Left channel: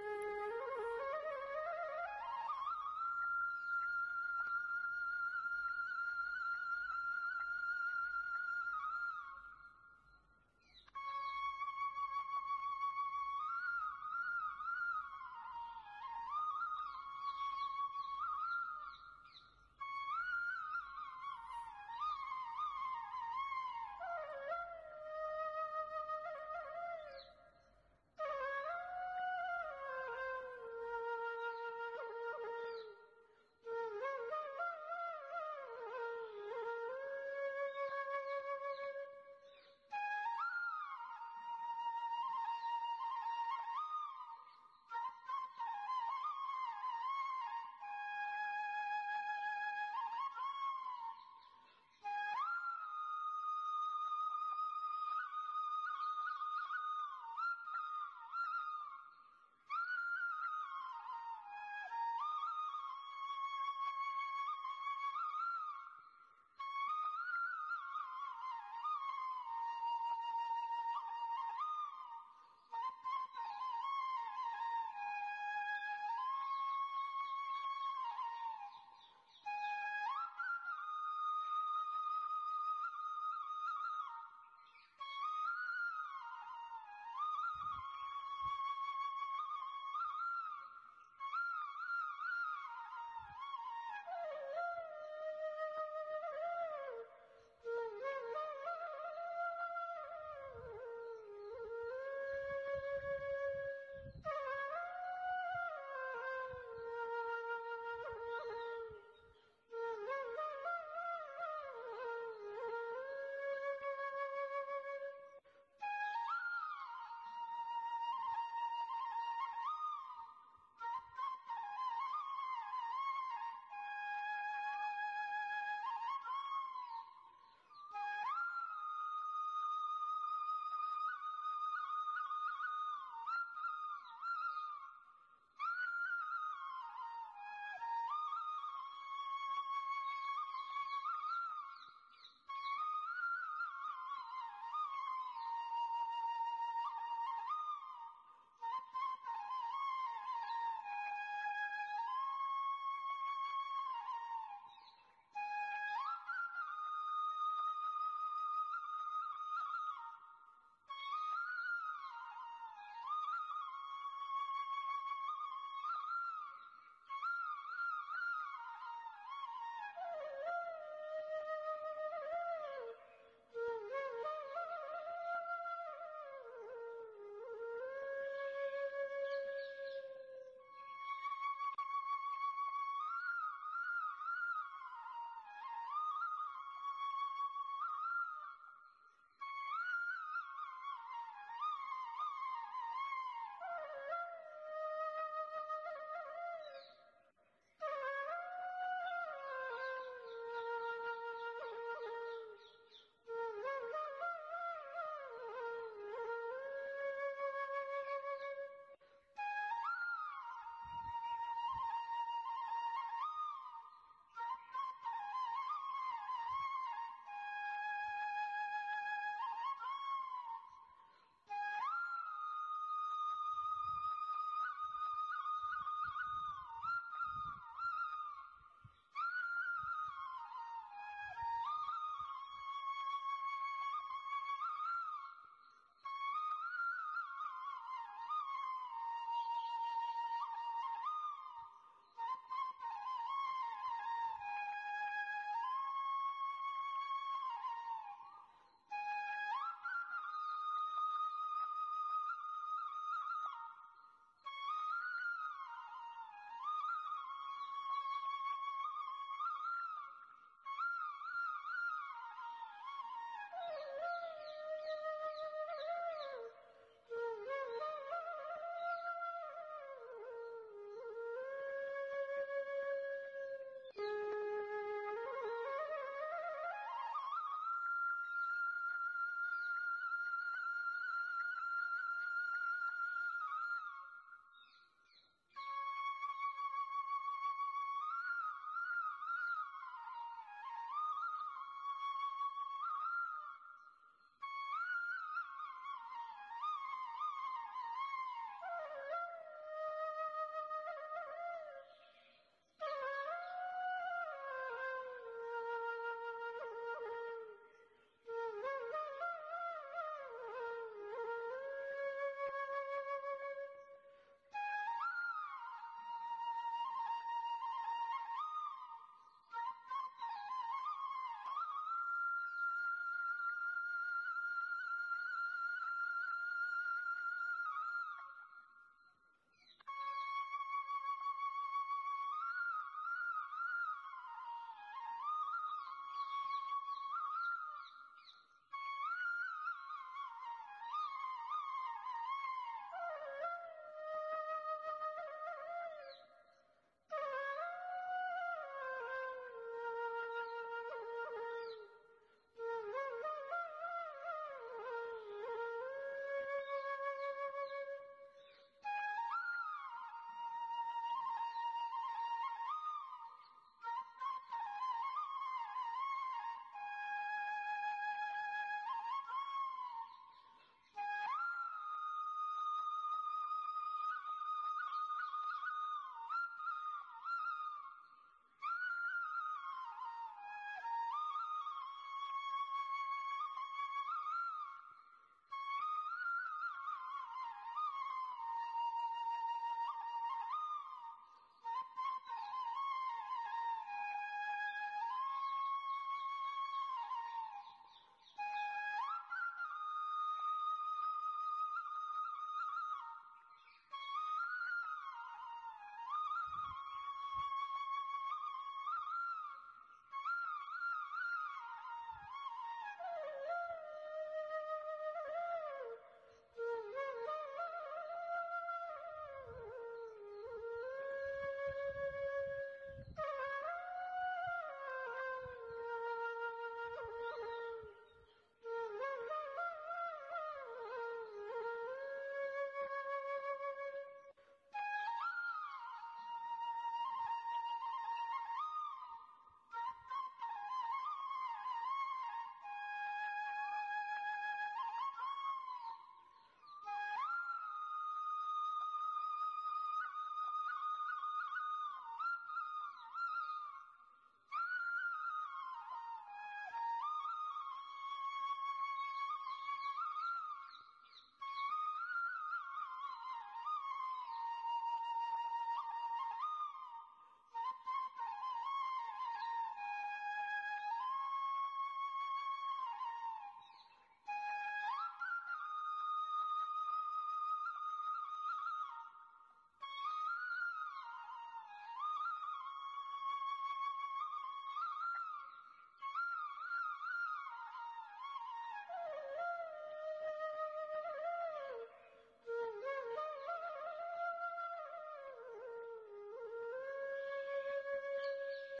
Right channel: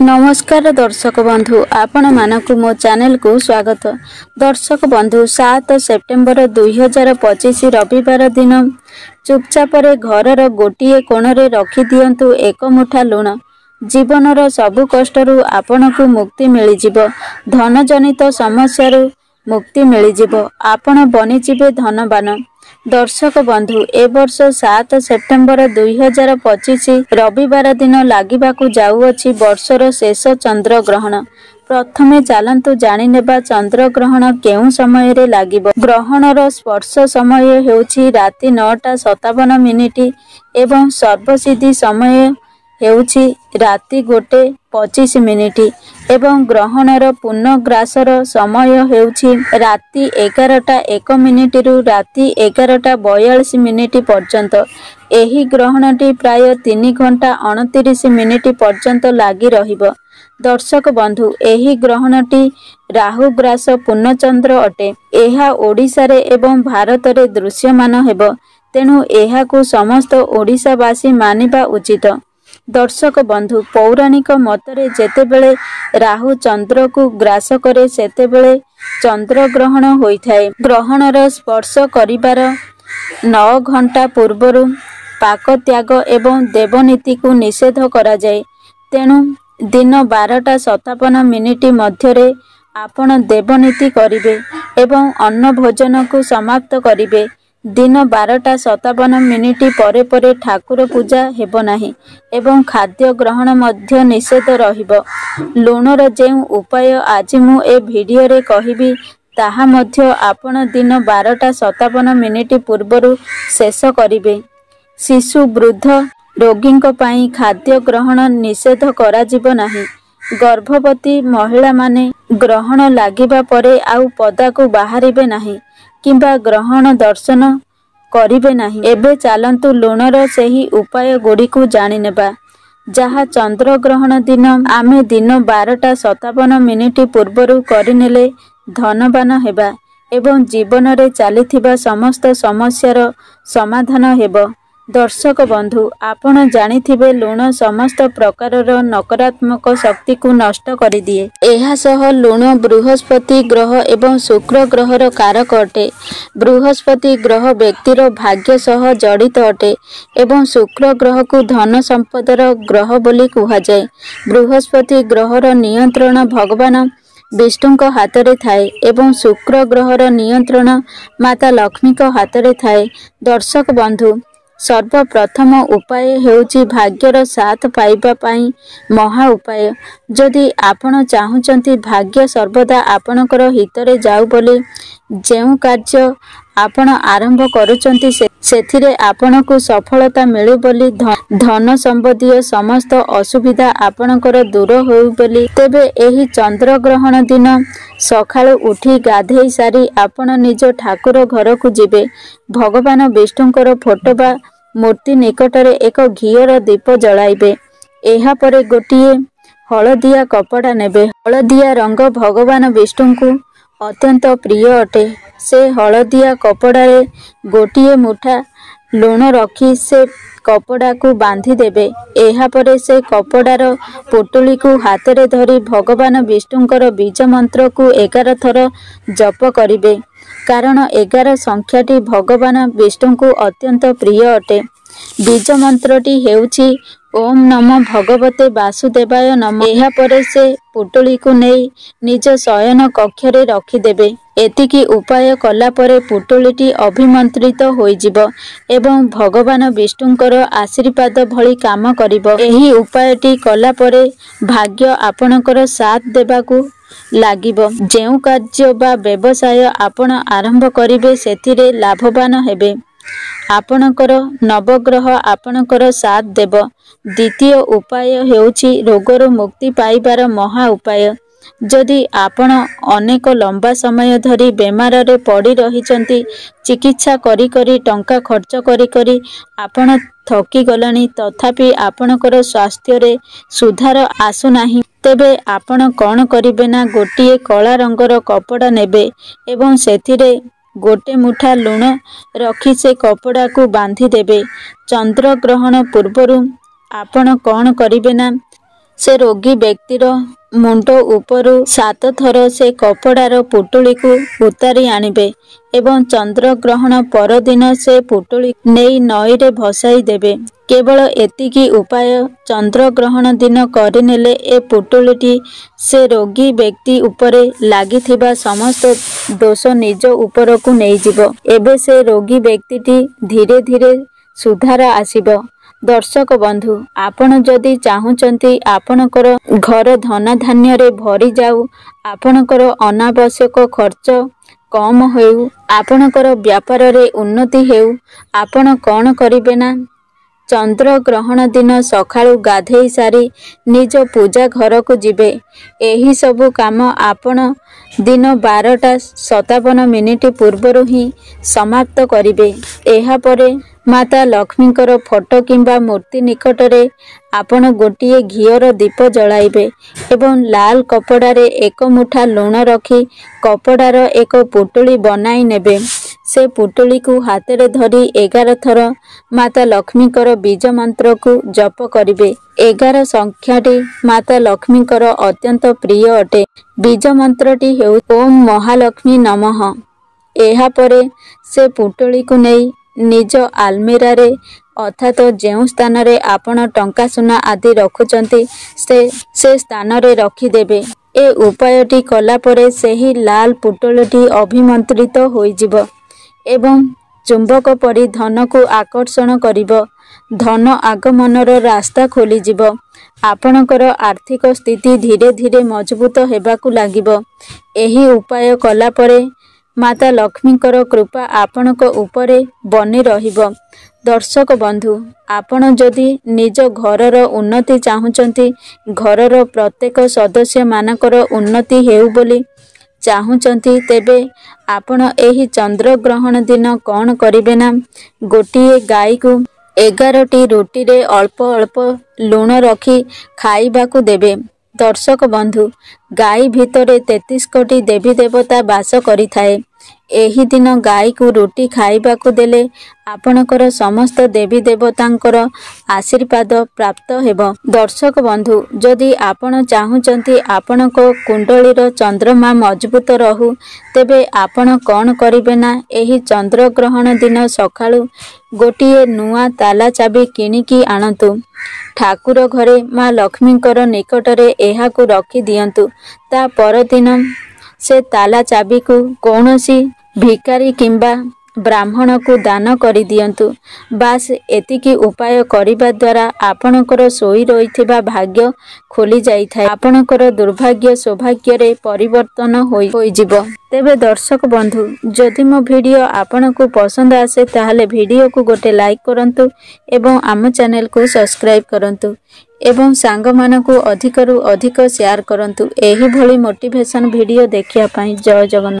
नमस्कार दर्शक बंधु आपण मानक मो चैनल को स्वागत। दर्शक बंधु 7 सेप्टेम्बर 2025 रविवार दिन चुपचाप घर गोटे कोणरे रखी दियंतु एक मुठा लुण। जीवनर सबु कष्टरू आपण को मुक्ति मिल जिवो। धन जनित समस्या मुक्ति मिल जिवो। आपण बनिजिबे धनवान। दर्शक बंधु ए वर्ष 7 सेप्टेम्बर 2025 रविवार दिन लागिबाकु जाउअछि वर्षर शेष चंद्र ग्रहण। प्रथमे चालंतु जानि नेबा चंद्र ग्रहण केउ समय रे लागिबो। ग्रहणर स्पर्श समय हेउछि राति 9:57 एवं सर्वसिद्धि समय हेउछि राति 1:25 एवं ग्रहणर पूर्णग्रासर समय हेउछि राति 11:01 रु राति 11:42 पर्यंत। एही ग्रहणटी प्राय 3 घंटा 29 मिनिट पर्यंत लागी रहिबो। दर्शक बंधु एही ग्रहणटी राहुग्रास पूर्णचंद्र अटे। एहा ओडिशा रे एवं भारत रे दृश्यमान हेबो। तेणु एहाकु समस्त ओडिशावासी मानिबा उचित। दर्शक बंधु पौराणिक मतरे जेतेबेले राहु चंद्र को ग्रास करे सेतेबेले चंद्र ग्रहण होइथाय। ग्रहणर स्पर्श करिबार 9 घंटा पूर्वरु पाक त्याग एवं देवनीति को निषेध करा जाय। तेणु दिन 12:57 मध्यरे आपण देवनीति करिवे एवं अन्न भोजन को समाप्त करिवे। दिन 12:57 परे परे ठाकुर पूजा हेबो नाही एवं खाद्य ग्रहण मध्य निषेध रहिबो। लुणर जेउ उपाय आज मु ए वीडियो रे कहिबी ताहा मध्य आपण दिन 12:57 पूर्वरु शेष करिवे। शिशु वृद्ध रोगींक पई खाद्य ग्रहण निषेध करा जिवो नाही। गर्भवती महिला माने ग्रहण लागिबा परे आउ पदा को बाहरिबे नाही किंबा ग्रहण दर्शन करिबे नाही। एबे चालंतु लुणर सेही उपाय गुडी को जानि नेबा जहा चंद्र ग्रहण दिन आमे दिन 12:57 पूर्वरु करिनेले धनवान हेबा एवं जीवन रे चलीथिबा समस्त समस्यार समाधान हेबो। दर्शक बंधु आपण जानिथिबे लुण समस्त प्रकारर नकारात्मक शक्ति को नष्ट करि दिए। एहा सह लुण बृहस्पति ग्रह एवं शुक्र ग्रहर कारक अटे। बृहस्पति ग्रह व्यक्तिर भाग्य सह जड़ित अटे एवं शुक्र ग्रह को धन संपदर ग्रह बोली कुहा जाय। बृहस्पति ग्रहर नियंत्रण भगवान विष्णुक हातरे थाए एवं शुक्र ग्रहर नियंत्रण माता लक्ष्मीक हातरे थाए। दर्शक बंधु सर्वप्रथम उपाय हेउची भाग्यर साथ पाइबा पाई महा उपाय। जदि आपण चाहुचंती भाग्य सर्वदा आपणकर हितरे जाऊ बोली जेउ कार्य आपण आरंभ करूचंती सेथिरे आपणको सफलता मिलु बोली धन संबंधी समस्त असुविधा आपणकर दूर होउ बोली तेबे एही चंद्र ग्रहण दिन सकाळु उठी गाधेई सारी आपण निज ठाकुर घर को जिबे। भगवान विष्णुकर फोटो बा मूर्ति निकटरे एक घियर दीप जलाइबे। एहा परे गोटिए हलदिया कपड़ा नेबे। हलदिया रंग भगवान विष्णु को अत्यंत प्रिय अटे। से हलदिया कपड़ा रे गोटिए मुठा लुण रखी से कपड़ा को बांधी देबे। एहा परे से कपड़ार पुटुली को हाथ रे धरी भगवान विष्णुकर बीज मंत्र को 11 थर जप करिवे कारण 11 संख्याटी भगवान विष्णु को अत्यंत प्रिय अटे। बीज मंत्रटी हेउछि ओम नमो भगवते वासुदेवाय नमः। एहा परे से पुटुली को नेई निज शयन कक्ष रे रखी देबे। एतिकी उपाय कला परे पुटुलीटी अभिमंत्रित होई जिवो एवं भगवान विष्णुଙ୍କର आशीर्वाद भली काम करिवो। एही उपायटी कला परे भाग्य आपणकर साथ देबाकू लागिवो। जेउ कार्य बा व्यवसाय आपण आरंभ करिवे सेथिरे लाभवान हेबे। आपणकर नवग्रह आपणकर साथ देव। द्वितीय उपाय हेउछि रोगरु मुक्ति पाइबार महा उपाय। जदि आपण अनेक लंबा समय धरी बेमार रे पड़ी रहिचंती चिकित्सा करी करी टंका खर्च करी करी आपण थकी गलानी तथापि आपणकर स्वास्थ्य रे सुधार आसु नाही तेबे आपण कोन करिवे ना गोटिए कला रंगर कपड़ा नेबे एवं सेथिरे गोटे मुठा लुण रखी से कपड़ा को बांधी देबे। चंद्र ग्रहण पूर्वरु आपण कोन करिवे ना ସେ ରୋଗୀ ବ୍ୟକ୍ତିର ମୁଣ୍ଡ ଉପରୁ 7 ଥର ସେ କପଡ଼ାର ପୁଟୁଳିକୁ ଉତାରି ଆଣିବେ ଏବଂ ଚନ୍ଦ୍ରଗ୍ରହଣ ପରଦିନ ସେ ପୁଟୁଳି ନେଇ ନଈରେ ଭସାଇ ଦେବେ। କେବଳ ଏତିକି ଉପାୟ ଚନ୍ଦ୍ରଗ୍ରହଣ ଦିନ କରିନେଲେ ଏ ପୁଟୁଳିଟି ସେ ରୋଗୀ ବ୍ୟକ୍ତି ଉପରେ ଲାଗିଥିବା ସମସ୍ତ ଦୋଷ ନିଜ ଉପରକୁ ନେଇଯିବ। ଏବେ ସେ ରୋଗୀ ବ୍ୟକ୍ତିଟି ଧୀରେ ଧୀରେ ସୁଧାର ଆସିବ। ଦର୍ଶକ ବନ୍ଧୁ, ଆପଣ ଯଦି ଚାହୁଁଛନ୍ତି ଆପଣଙ୍କର ଘର ଧନଧାନ୍ୟରେ ଭରିଯାଉ, ଆପଣଙ୍କର ଅନାବଶ୍ୟକ ଖର୍ଚ୍ଚ କମ୍ ହେଉ, ଆପଣଙ୍କର ବ୍ୟାପାରରେ ଉନ୍ନତି ହେଉ, ଆପଣ କ'ଣ କରିବେ ନା, ଚନ୍ଦ୍ରଗ୍ରହଣ ଦିନ ସକାଳୁ ଗାଧେଇ ସାରି ନିଜ ପୂଜା ଘରକୁ ଯିବେ। ଏହି ସବୁ କାମ ଆପଣ ଦିନ 12:57 ପୂର୍ବରୁ ହିଁ ସମାପ୍ତ କରିବେ। ଏହାପରେ ମାତା ଲକ୍ଷ୍ମୀଙ୍କର ଫଟୋ କିମ୍ବା ମୂର୍ତ୍ତି ନିକଟରେ ଆପଣ ଗୋଟିଏ ଘିଅର ଦୀପ ଜଳାଇବେ ଏବଂ ଲାଲ କପଡ଼ାରେ 1 ମୁଠା ଲୁଣ ରଖି କପଡ଼ାର ଏକ ପୁଟୁଳି ବନାଇ ନେବେ। ସେ ପୁଟୁଳିକୁ ହାତରେ ଧରି 11 ଥର ମାତା ଲକ୍ଷ୍ମୀଙ୍କର ବୀଜ ମନ୍ତ୍ରକୁ ଜପ କରିବେ। 11 ସଂଖ୍ୟାଟି ମାତା ଲକ୍ଷ୍ମୀଙ୍କର ଅତ୍ୟନ୍ତ ପ୍ରିୟ ଅଟେ। ବୀଜ ମନ୍ତ୍ରଟି ହେଉଛି ଓମ୍ ମହାଲକ୍ଷ୍ମୀ ନମଃ। ଏହାପରେ ସେ ପୁଟୁଳିକୁ ନେଇ ନିଜ ଆଲମିରାରେ ଅର୍ଥାତ୍ ଯେଉଁ ସ୍ଥାନରେ ଆପଣ ଟଙ୍କା ସୁନା ଆଦି ରଖୁଛନ୍ତି ସେ ସ୍ଥାନରେ ରଖିଦେବେ। ଏ ଉପାୟଟି କଲାପରେ ସେହି ଲାଲ ପୁଟୁଳିଟି ଅଭିମନ୍ତ୍ରିତ ହୋଇଯିବ ଏବଂ ଚୁମ୍ବକ ପରି ଧନକୁ ଆକର୍ଷଣ କରିବ। ଧନ ଆଗମନର ରାସ୍ତା ଖୋଲିଯିବ। ଆପଣଙ୍କର ଆର୍ଥିକ ସ୍ଥିତି ଧୀରେ ଧୀରେ ମଜବୁତ ହେବାକୁ ଲାଗିବ। ଏହି ଉପାୟ କଲାପରେ ମାତା ଲକ୍ଷ୍ମୀଙ୍କର କୃପା ଆପଣଙ୍କ ଉପରେ ବନି ରହିବ। ଦର୍ଶକ ବନ୍ଧୁ, ଆପଣ ଯଦି ନିଜ ଘରର ଉନ୍ନତି ଚାହୁଁଛନ୍ତି, ଘରର ପ୍ରତ୍ୟେକ ସଦସ୍ୟମାନଙ୍କର ଉନ୍ନତି ହେଉ ବୋଲି ଚାହୁଁଛନ୍ତି, ତେବେ ଆପଣ ଏହି ଚନ୍ଦ୍ରଗ୍ରହଣ ଦିନ କ'ଣ କରିବେ ନା, ଗୋଟିଏ ଗାଈକୁ 11ଟି ରୁଟିରେ ଅଳ୍ପ ଅଳ୍ପ ଲୁଣ ରଖି ଖାଇବାକୁ ଦେବେ। ଦର୍ଶକ ବନ୍ଧୁ, ଗାଈ ଭିତରେ 33 କୋଟି ଦେବୀ ଦେବତା ବାସ କରିଥାଏ। ଏହି ଦିନ ଗାଈକୁ ରୁଟି ଖାଇବାକୁ ଦେଲେ ଆପଣଙ୍କର ସମସ୍ତ ଦେବୀ ଦେବତାଙ୍କର ଆଶୀର୍ବାଦ ପ୍ରାପ୍ତ ହେବ। ଦର୍ଶକ ବନ୍ଧୁ, ଯଦି ଆପଣ ଚାହୁଁଛନ୍ତି ଆପଣଙ୍କ କୁଣ୍ଡଳୀର ଚନ୍ଦ୍ରମା ମଜବୁତ ରହୁ, ତେବେ ଆପଣ କ'ଣ କରିବେ ନା, ଏହି ଚନ୍ଦ୍ରଗ୍ରହଣ ଦିନ ସକାଳୁ ଗୋଟିଏ ନୂଆ ତାଲା ଚାବି କିଣିକି ଆଣନ୍ତୁ। ଠାକୁର ଘରେ ମା ଲକ୍ଷ୍ମୀଙ୍କର ନିକଟରେ ଏହାକୁ ରଖି ଦିଅନ୍ତୁ। ତା ପରଦିନ ସେ ତାଲା ଚାବିକୁ କୌଣସି ଭିକାରୀ କିମ୍ବା ବ୍ରାହ୍ମଣକୁ ଦାନ କରିଦିଅନ୍ତୁ। ବାସ୍ ଏତିକି ଉପାୟ କରିବା ଦ୍ୱାରା ଆପଣଙ୍କର ଶୋଇ ରହିଥିବା ଭାଗ୍ୟ ଖୋଲି ଯାଇଥାଏ। ଆପଣଙ୍କର ଦୁର୍ଭାଗ୍ୟ ସୌଭାଗ୍ୟରେ ପରିବର୍ତ୍ତନ ହୋଇଯିବ। ତେବେ ଦର୍ଶକ ବନ୍ଧୁ, ଯଦି ମୋ ଭିଡ଼ିଓ ଆପଣଙ୍କୁ ପସନ୍ଦ ଆସେ ତାହେଲେ ଭିଡ଼ିଓକୁ ଗୋଟେ ଲାଇକ୍ କରନ୍ତୁ ଏବଂ ଆମ ଚ୍ୟାନେଲକୁ ସବସ୍କ୍ରାଇବ୍ କରନ୍ତୁ ଏବଂ ସାଙ୍ଗମାନଙ୍କୁ ଅଧିକରୁ ଅଧିକ ସେୟାର କରନ୍ତୁ। ଏହିଭଳି ମୋଟିଭେସନ୍ ଭିଡ଼ିଓ ଦେଖିବା ପାଇଁ। ଜୟ ଜଗନ୍ନାଥ।